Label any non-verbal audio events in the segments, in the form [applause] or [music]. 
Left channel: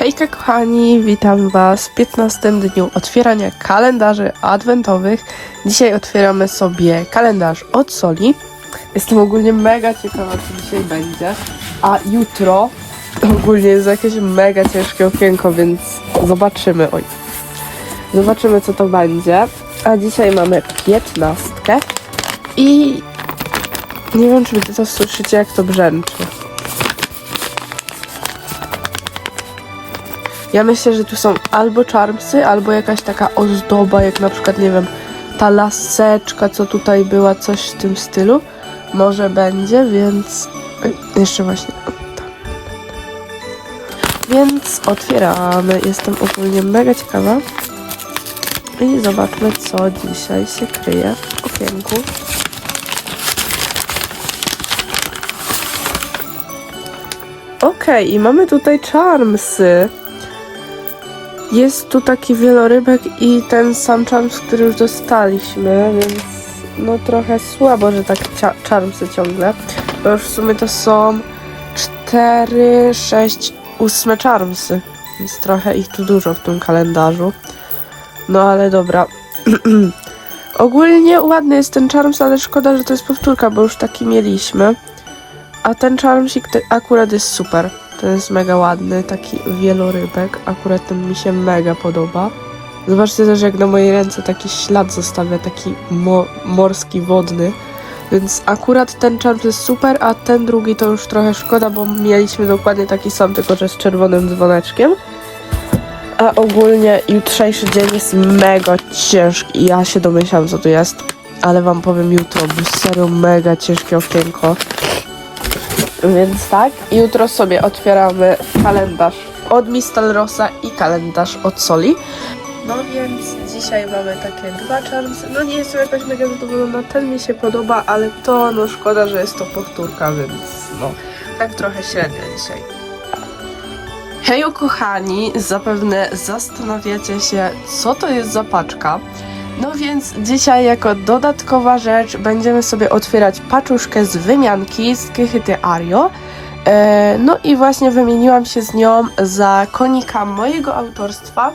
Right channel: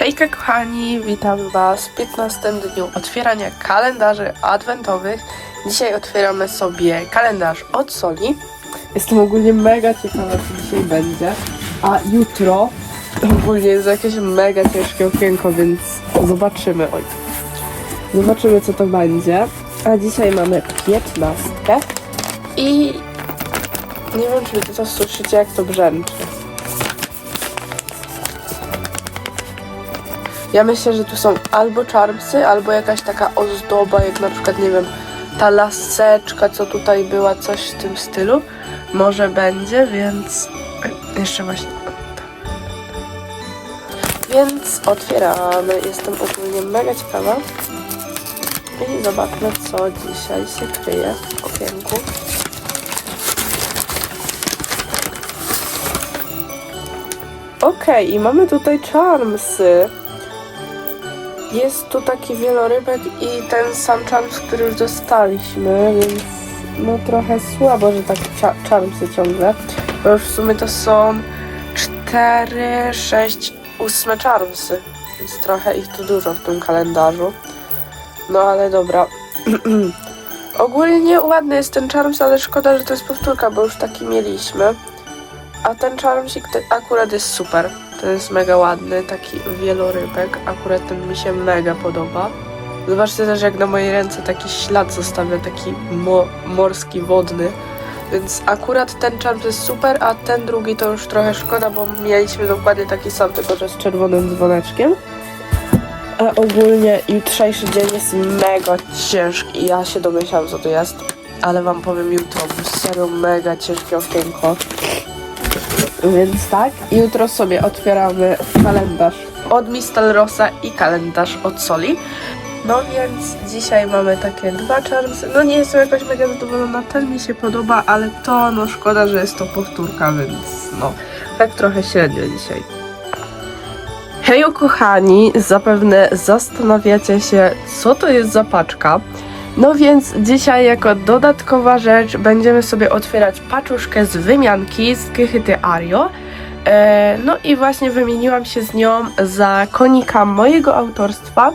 Hejka kochani, witam was w 15 dniu otwierania kalendarzy adwentowych. Dzisiaj otwieramy sobie kalendarz od Soli. Jestem ogólnie mega ciekawa, co dzisiaj będzie. A jutro ogólnie jest jakieś mega ciężkie okienko, więc zobaczymy. Oj. Zobaczymy, co to będzie. A dzisiaj mamy 15 i nie wiem, czy to słyszycie, jak to brzęczy. Ja myślę, że tu są albo czarmsy, albo jakaś taka ozdoba, jak na przykład, nie wiem, ta laseczka, co tutaj była, coś w tym stylu. Może będzie, więc... Jeszcze właśnie... Więc otwieramy. Jestem ogólnie mega ciekawa. I zobaczmy, co dzisiaj się kryje w okienku. Okej, i mamy tutaj charmsy. Jest tu taki wielorybek i ten sam charms, który już dostaliśmy, więc no trochę słabo, że tak charmsy ciągle, bo już w sumie to są 4, 6, 8 charmsy, więc trochę ich tu dużo w tym kalendarzu. No ale dobra. [clears throat] Ogólnie ładny jest ten charms, ale szkoda, że to jest powtórka, bo już taki mieliśmy. A ten charmsik ty- akurat jest super. To jest mega ładny, taki wielorybek. Akurat ten mi się mega podoba. Zobaczcie też, jak na mojej ręce taki ślad zostawia, taki mo- morski, wodny. Więc akurat ten charm jest super, a ten drugi to już trochę szkoda, bo mieliśmy dokładnie taki sam, tylko że z czerwonym dzwoneczkiem. A ogólnie jutrzejszy dzień jest mega ciężki. Ja się domyślam, co to jest, ale wam powiem jutro, serio mega ciężkie okienko. Więc tak, jutro sobie otwieramy kalendarz od Mistalrosa i kalendarz od Soli. No więc dzisiaj mamy takie dwa charmsy. No nie jestem jakoś mega zadowolona, ten mi się podoba, ale to no szkoda, że jest to powtórka, więc no tak trochę średnio dzisiaj. Hejo kochani, zapewne zastanawiacie się, co to jest za paczka. No więc dzisiaj jako dodatkowa rzecz będziemy sobie otwierać paczuszkę z wymianki z Kychyty Ario. E, no i właśnie wymieniłam się z nią za konika mojego autorstwa,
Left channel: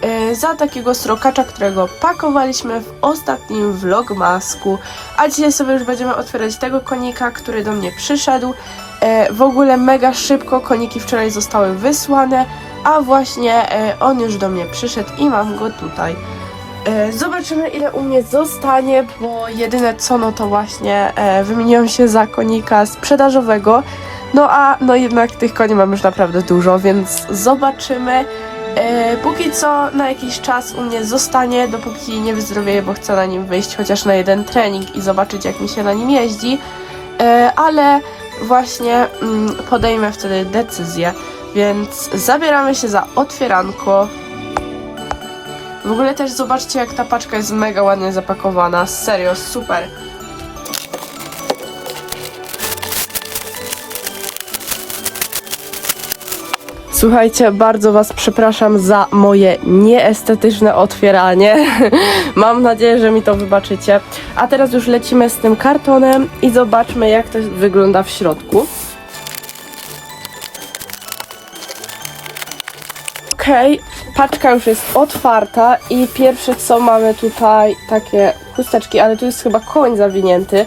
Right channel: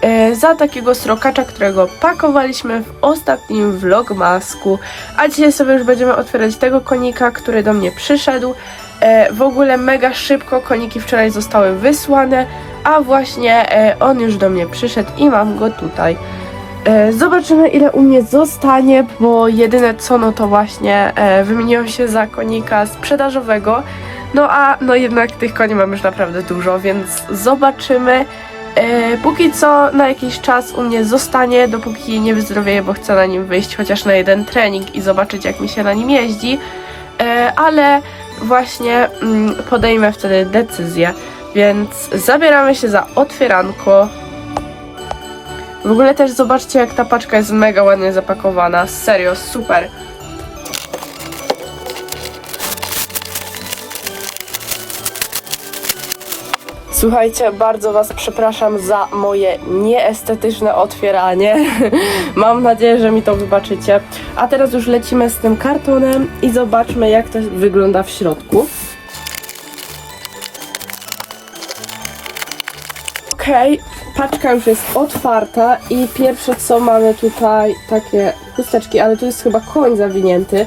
e, za takiego srokacza, którego pakowaliśmy w ostatnim vlogmasku, a dzisiaj sobie już będziemy otwierać tego konika, który do mnie przyszedł. E, w ogóle mega szybko koniki wczoraj zostały wysłane, a właśnie on już do mnie przyszedł i mam go tutaj. E, Zobaczymy ile u mnie zostanie, bo jedyne co no to właśnie e, wymieniłam się za konika sprzedażowego. No a no jednak tych koni mam już naprawdę dużo, więc zobaczymy. E, póki co na jakiś czas u mnie zostanie, dopóki nie wyzdrowieję, bo chcę na nim wyjść chociaż na jeden trening i zobaczyć jak mi się na nim jeździ. E, ale właśnie mm, podejmę wtedy decyzję, więc zabieramy się za otwieranko. W ogóle też zobaczcie, jak ta paczka jest mega ładnie zapakowana. Serio, super. Słuchajcie, bardzo Was przepraszam za moje nieestetyczne otwieranie. [laughs] Mam nadzieję, że mi to wybaczycie. A teraz już lecimy z tym kartonem i zobaczmy, jak to wygląda w środku. Okej, paczka już jest otwarta i pierwsze co mamy tutaj takie chusteczki, ale tu jest chyba koń zawinięty.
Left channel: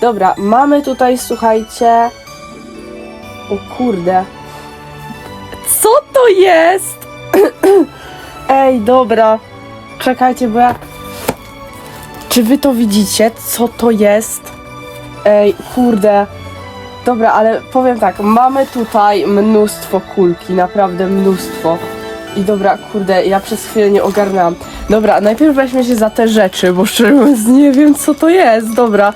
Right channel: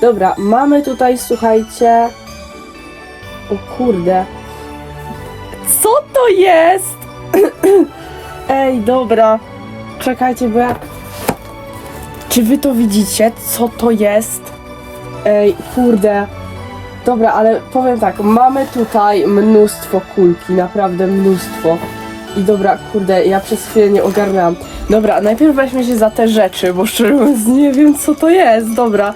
Dobra, mamy tutaj, słuchajcie. O kurde. Co to jest? [clears throat] Ej, dobra. Czekajcie, bo ja. Czy wy to widzicie? Co to jest? Ej, kurde. Dobra, ale powiem tak, mamy tutaj mnóstwo kulki, naprawdę mnóstwo. I dobra, kurde, ja przez chwilę nie ogarnęłam. Dobra, najpierw weźmy się za te rzeczy, bo szczerze mówiąc nie wiem co to jest. Dobra.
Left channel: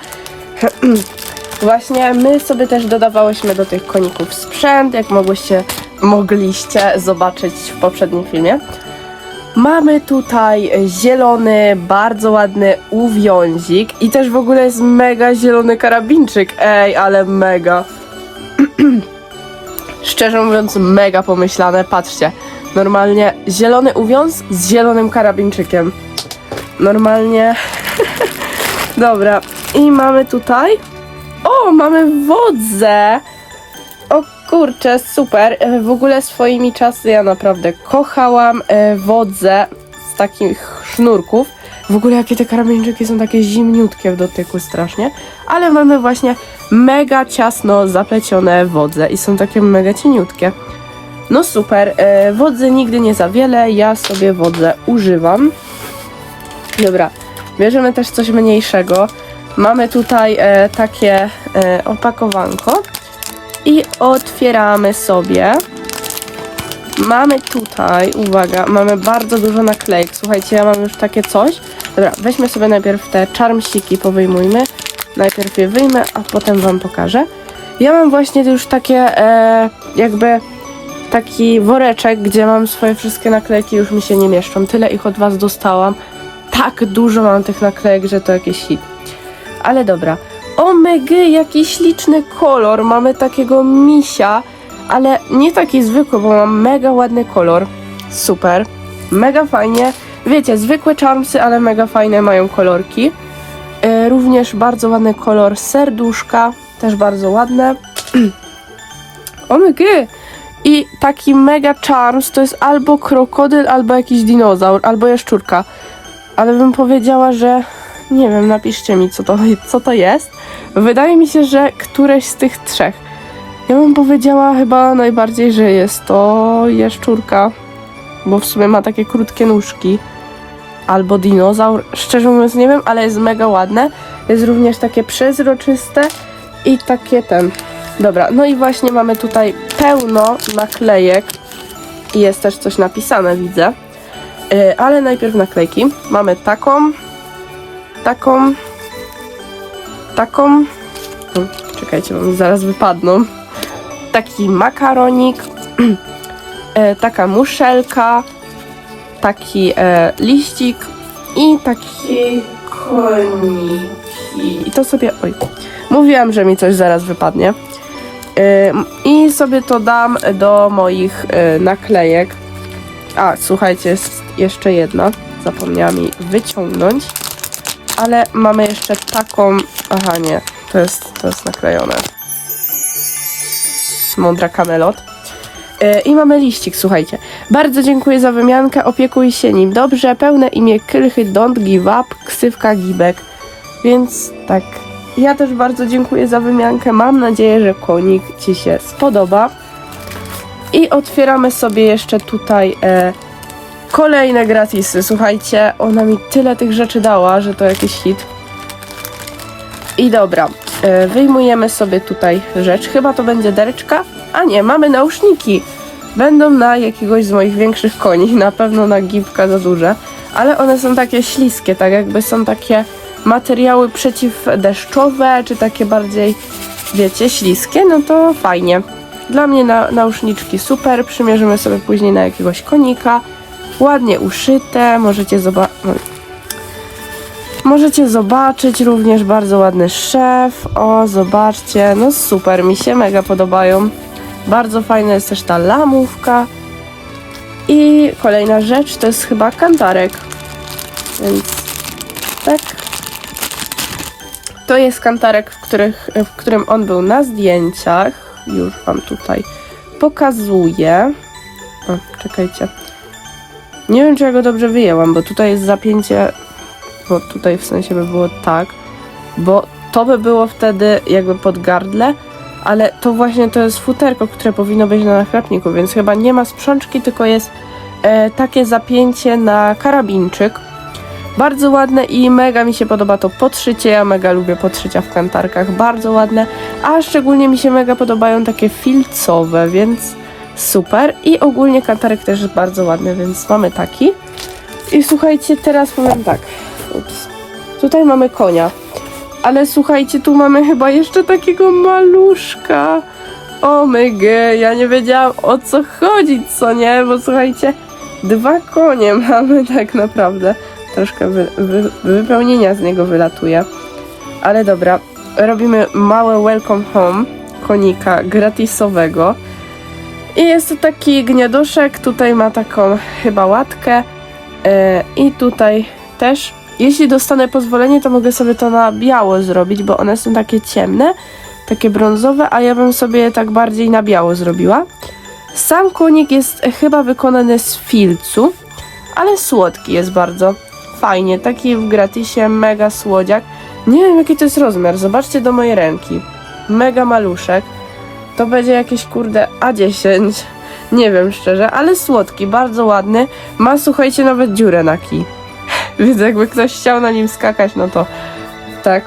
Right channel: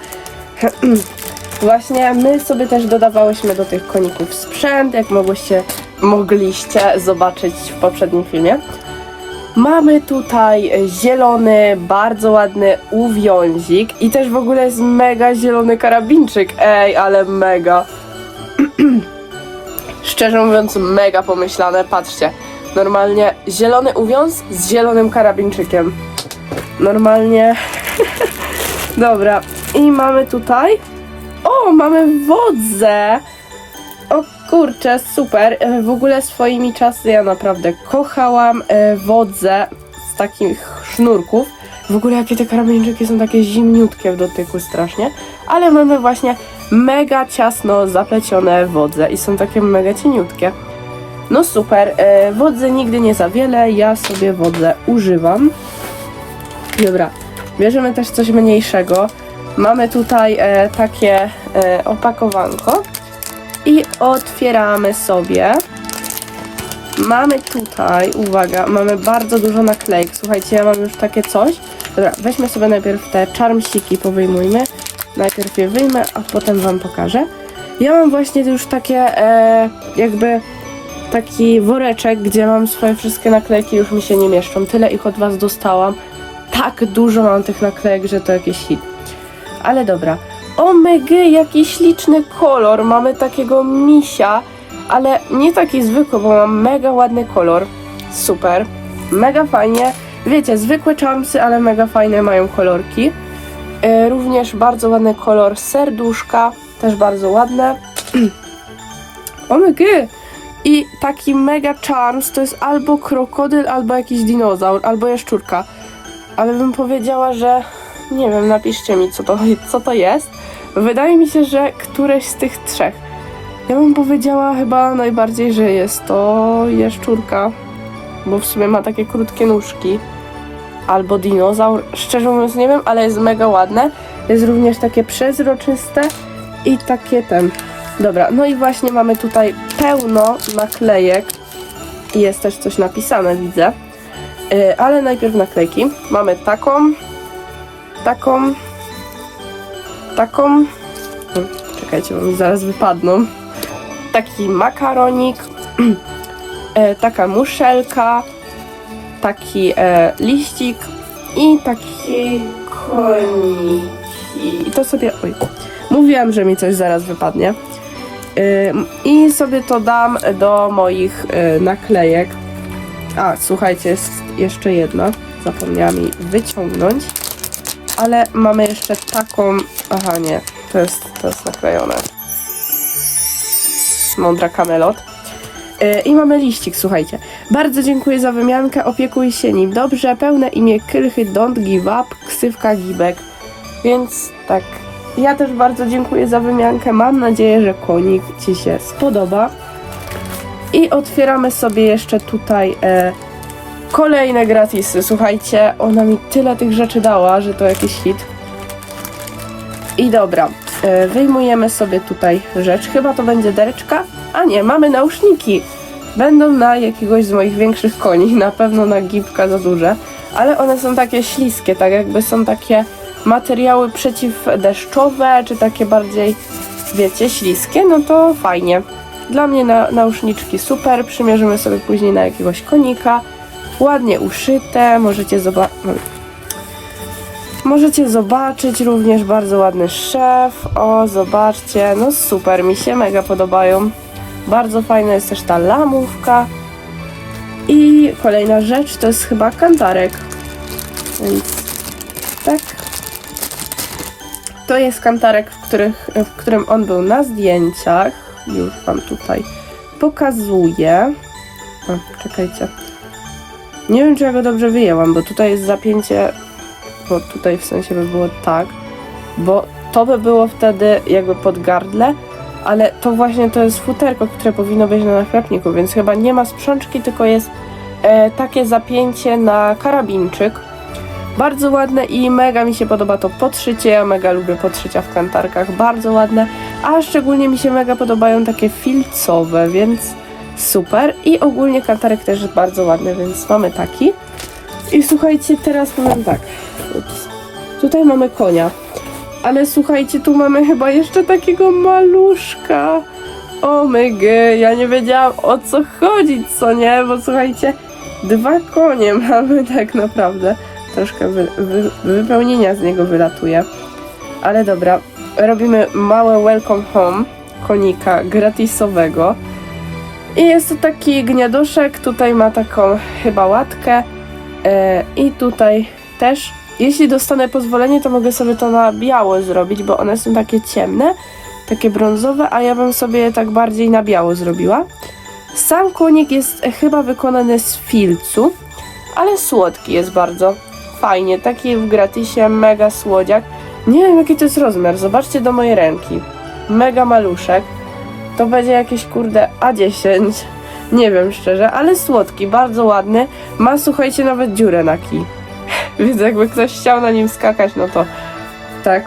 [clears throat] Właśnie my sobie też dodawałyśmy do tych koników sprzęt, jak mogłyście, mogliście zobaczyć w poprzednim filmie. Mamy tutaj zielony, bardzo ładny uwiązik i też w ogóle jest mega zielony karabinczyk. Ej, ale mega. [clears throat] Szczerze mówiąc, mega pomyślane. Patrzcie, normalnie zielony uwiąz z zielonym karabinczykiem. Normalnie. [laughs] Dobra, i mamy tutaj. O, mamy wodzę! O Kurczę, super. E, W ogóle swoimi czasy ja naprawdę kochałam e, wodze z takich sznurków. W ogóle jakie te karameńczyki są takie zimniutkie w dotyku strasznie. Ale mamy właśnie mega ciasno zaplecione wodze i są takie mega cieniutkie. No super, e, wodzy nigdy nie za wiele, ja sobie wodzę używam. Dobra, bierzemy też coś mniejszego. Mamy tutaj e, takie e, opakowanko i otwieramy sobie. Mamy tutaj, uwaga, mamy bardzo dużo naklejek. Słuchajcie, ja mam już takie coś. Dobra, weźmy sobie najpierw te czarmsiki, powyjmujmy. Najpierw je wyjmę, a potem wam pokażę. Ja mam właśnie już takie e, jakby taki woreczek, gdzie mam swoje wszystkie naklejki, już mi się nie mieszczą. Tyle ich od was dostałam. Tak dużo mam tych naklejek, że to jakiś hit. Ale dobra. Omega, jaki śliczny kolor. Mamy takiego misia, ale nie taki zwykły, bo mam mega ładny kolor. Super. Mega fajnie. Wiecie, zwykłe charmsy, ale mega fajne mają kolorki. E, również bardzo ładny kolor serduszka, też bardzo ładne. [clears throat] Omega! I taki mega charms to jest albo krokodyl, albo jakiś dinozaur, albo jaszczurka. Ale bym powiedziała, że nie wiem, napiszcie mi, co to, co to jest. Wydaje mi się, że któreś z tych trzech. Ja bym powiedziała chyba najbardziej, że jest to jaszczurka, bo w sumie ma takie krótkie nóżki. Albo dinozaur. Szczerze mówiąc nie wiem, ale jest mega ładne. Jest również takie przezroczyste i takie ten. Dobra, no i właśnie mamy tutaj pełno naklejek. Jest też coś napisane, widzę. Yy, ale najpierw naklejki. Mamy taką, taką, taką. Czekajcie, bo mi zaraz wypadną. Taki makaronik, [clears throat] e, taka muszelka, taki e, liścik i taki koniki. I to sobie. Oj, mówiłam, że mi coś zaraz wypadnie. I sobie to dam do moich y, naklejek. A, słuchajcie, jest jeszcze jedna. Zapomniałam jej wyciągnąć. Ale mamy jeszcze taką. Aha, nie, to jest, to jest naklejone. Mądra kamelot. Y, I mamy liścik, słuchajcie. Bardzo dziękuję za wymiankę. Opiekuj się nim dobrze. Pełne imię Krychy Don't Give Up, ksywka Gibek. Więc tak. Ja też bardzo dziękuję za wymiankę. Mam nadzieję, że konik Ci się spodoba. I otwieramy sobie jeszcze tutaj e, kolejne gratisy. Słuchajcie, ona mi tyle tych rzeczy dała, że to jakiś hit. I dobra, e, wyjmujemy sobie tutaj rzecz. Chyba to będzie dereczka. A nie, mamy nauszniki. Będą na jakiegoś z moich większych koni. [laughs] Na pewno na gipka za duże. Ale one są takie śliskie, tak jakby są takie materiały przeciwdeszczowe, czy takie bardziej, wiecie, śliskie, no to fajnie. Dla mnie na, nauszniczki super, przymierzymy sobie później na jakiegoś konika. Ładnie uszyte, możecie zobaczyć. Możecie zobaczyć również bardzo ładny szef. O, zobaczcie, no super, mi się mega podobają. Bardzo fajna jest też ta lamówka. I kolejna rzecz to jest chyba kantarek. Więc tak. To jest kantarek, w, których, w którym on był na zdjęciach. Już wam tutaj pokazuję. O, czekajcie. Nie wiem, czy ja go dobrze wyjęłam, bo tutaj jest zapięcie. Bo tutaj w sensie by było tak. Bo to by było wtedy jakby pod gardle, ale to właśnie to jest futerko, które powinno być na nachlapniku, więc chyba nie ma sprzączki, tylko jest e, takie zapięcie na karabinczyk. Bardzo ładne i mega mi się podoba to podszycie. Ja mega lubię podszycia w kantarkach, bardzo ładne. A szczególnie mi się mega podobają takie filcowe, więc super. I ogólnie kantarek też jest bardzo ładny, więc mamy taki. I słuchajcie, teraz powiem tak. Ups. Tutaj mamy konia. Ale słuchajcie, tu mamy chyba jeszcze takiego maluszka. Omega, ja nie wiedziałam o co chodzi, co nie? Bo słuchajcie, dwa konie [laughs] mamy tak naprawdę troszkę wy, wy, wypełnienia z niego wylatuje. Ale dobra, robimy małe welcome home konika gratisowego. I jest to taki gniaduszek, tutaj ma taką chyba łatkę e, i tutaj też. Jeśli dostanę pozwolenie, to mogę sobie to na biało zrobić, bo one są takie ciemne. takie brązowe, a ja bym sobie tak bardziej na biało zrobiła. Sam konik jest chyba wykonany z filcu, ale słodki jest bardzo. Fajnie, taki w gratisie, mega słodziak. Nie wiem jaki to jest rozmiar, zobaczcie do mojej ręki. Mega maluszek. To będzie jakieś kurde A10. Nie wiem szczerze, ale słodki, bardzo ładny. Ma słuchajcie nawet dziurę na kij. [laughs] Więc jakby ktoś chciał na nim skakać, no to tak.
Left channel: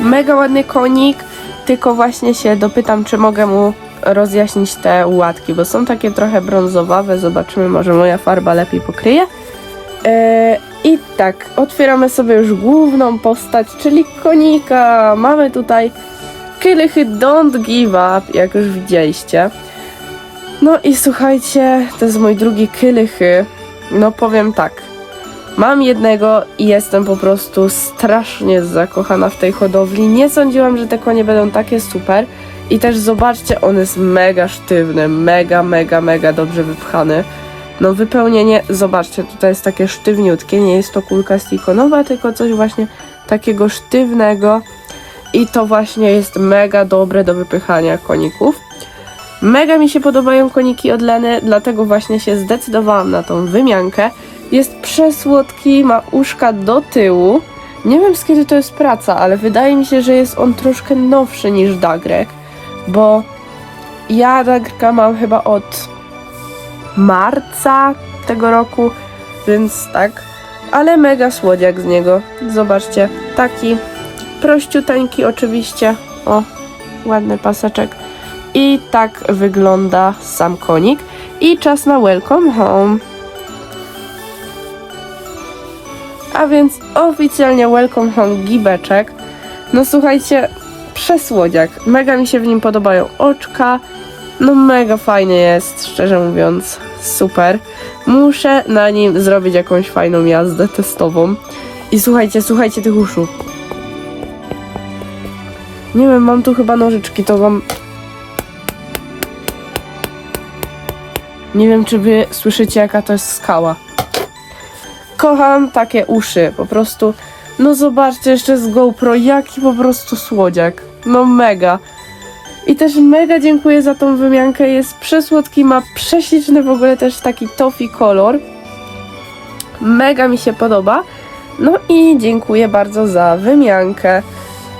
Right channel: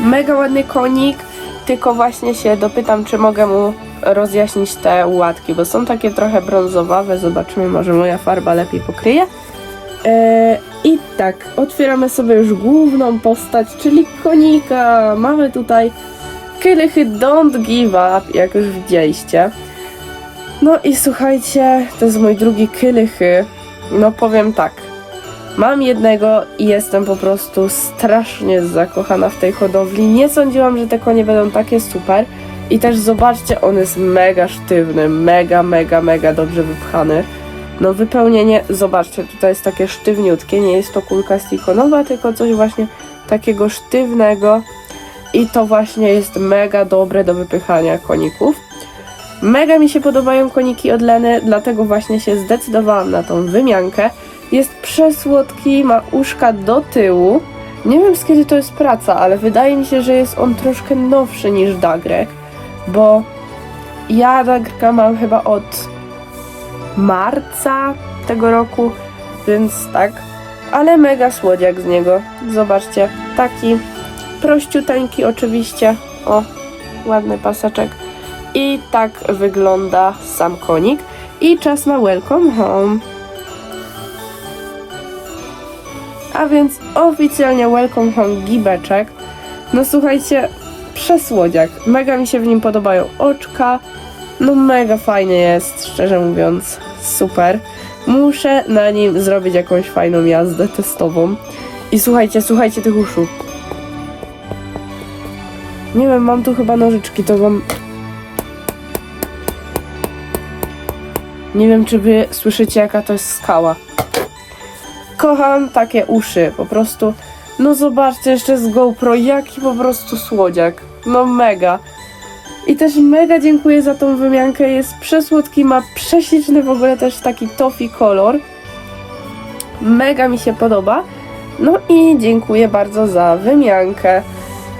Mega ładny konik, tylko właśnie się dopytam, czy mogę mu rozjaśnić te łatki, bo są takie trochę brązowawe. Zobaczymy, może moja farba lepiej pokryje. Eee, I tak, otwieramy sobie już główną postać, czyli konika. Mamy tutaj Kylichy Don't Give Up, jak już widzieliście. No i słuchajcie, to jest mój drugi Kylichy. No powiem tak, mam jednego i jestem po prostu strasznie zakochana w tej hodowli. Nie sądziłam, że te konie będą takie super. I też zobaczcie, on jest mega sztywny, mega, mega, mega dobrze wypchany. No wypełnienie, zobaczcie, tutaj jest takie sztywniutkie, nie jest to kulka silikonowa, tylko coś właśnie takiego sztywnego i to właśnie jest mega dobre do wypychania koników. Mega mi się podobają koniki od Leny, dlatego właśnie się zdecydowałam na tą wymiankę. Jest przesłodki, ma uszka do tyłu. Nie wiem z kiedy to jest praca, ale wydaje mi się, że jest on troszkę nowszy niż Dagrek, bo ja Dagrka mam chyba od marca tego roku, więc tak. Ale mega słodziak z niego. Zobaczcie, taki prościuteńki oczywiście. O, ładny paseczek. I tak wygląda sam konik. I czas na welcome home. A więc oficjalnie welcome home gibeczek. No słuchajcie, przesłodziak. Mega mi się w nim podobają oczka. No mega fajny jest, szczerze mówiąc. Super. Muszę na nim zrobić jakąś fajną jazdę testową. I słuchajcie, słuchajcie tych uszu. Nie wiem, mam tu chyba nożyczki, to wam... Nie wiem, czy wy słyszycie, jaka to jest skała. Kocham takie uszy, po prostu... No zobaczcie jeszcze z GoPro, jaki po prostu słodziak. No mega. I też mega dziękuję za tą wymiankę, jest przesłodki, ma prześliczny w ogóle też taki toffee kolor. Mega mi się podoba. No i dziękuję bardzo za wymiankę.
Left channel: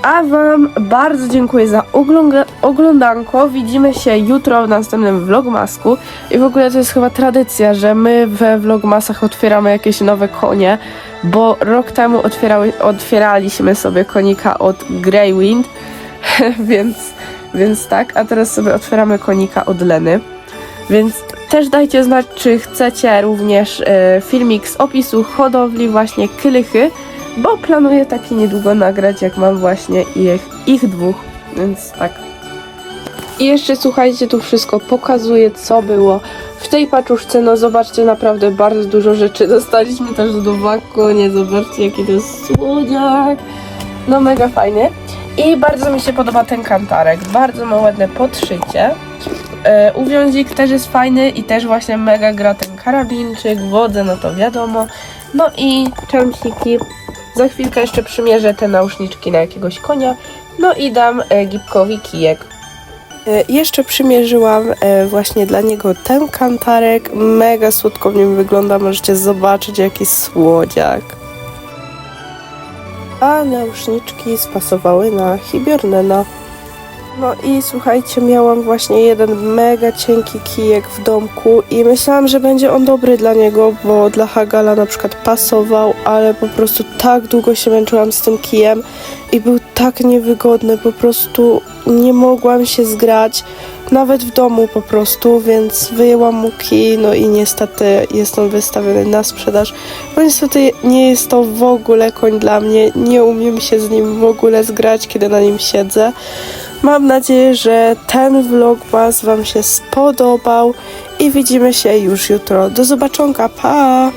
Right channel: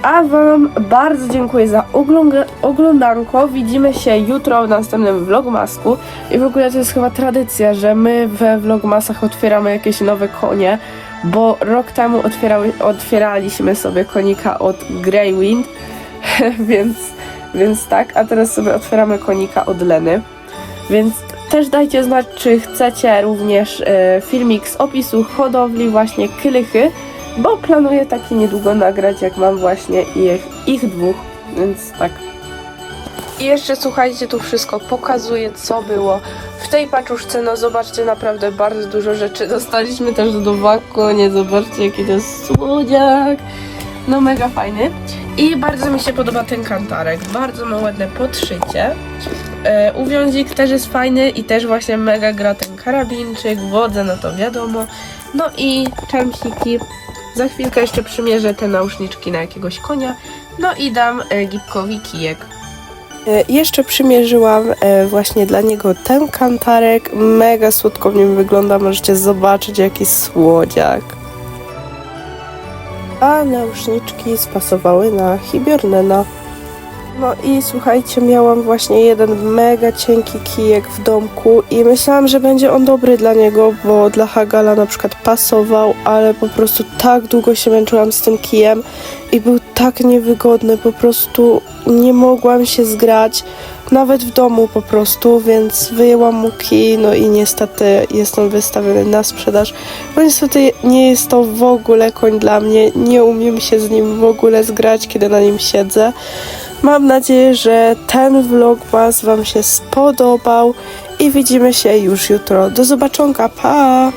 A Wam bardzo dziękuję za ogląda- oglądanko. Widzimy się jutro w następnym vlogmasku. I w ogóle to jest chyba tradycja, że my we vlogmasach otwieramy jakieś nowe konie, bo rok temu otwierały, otwieraliśmy sobie konika od Greywind, [laughs] więc, więc tak, a teraz sobie otwieramy konika od Leny. Więc też dajcie znać, czy chcecie również e, filmik z opisu hodowli właśnie kylichy, bo planuję taki niedługo nagrać, jak mam właśnie ich, ich dwóch, więc tak. I jeszcze słuchajcie, tu wszystko pokazuję, co było w tej paczuszce. No zobaczcie, naprawdę bardzo dużo rzeczy dostaliśmy też do wakonie. Zobaczcie, jaki to jest słodziak. No mega fajny. I bardzo mi się podoba ten kantarek. Bardzo ma ładne podszycie. E, uwiązik też jest fajny i też właśnie mega gra ten karabinczyk, wodę, no to wiadomo. No i czermsiki. Za chwilkę jeszcze przymierzę te nauszniczki na jakiegoś konia. No i dam e, Gipkowi kijek. E, Jeszcze przymierzyłam e, właśnie dla niego ten kantarek. Mega słodko w nim wygląda. Możecie zobaczyć jaki słodziak. A nauszniczki spasowały na Hibiornena. No i słuchajcie, miałam właśnie jeden mega cienki kijek w domku i myślałam, że będzie on dobry dla niego, bo dla Hagala na przykład pasował, ale po prostu tak długo się męczyłam z tym kijem i był tak niewygodny, po prostu nie mogłam się zgrać, nawet w domu po prostu, więc wyjęłam mu kij, no i niestety jest on wystawiony na sprzedaż, bo niestety nie jest to w ogóle koń dla mnie, nie umiem się z nim w ogóle zgrać, kiedy na nim siedzę. Mam nadzieję, że ten vlogmas Wam się spodobał i widzimy się już jutro. Do zobaczonka, pa!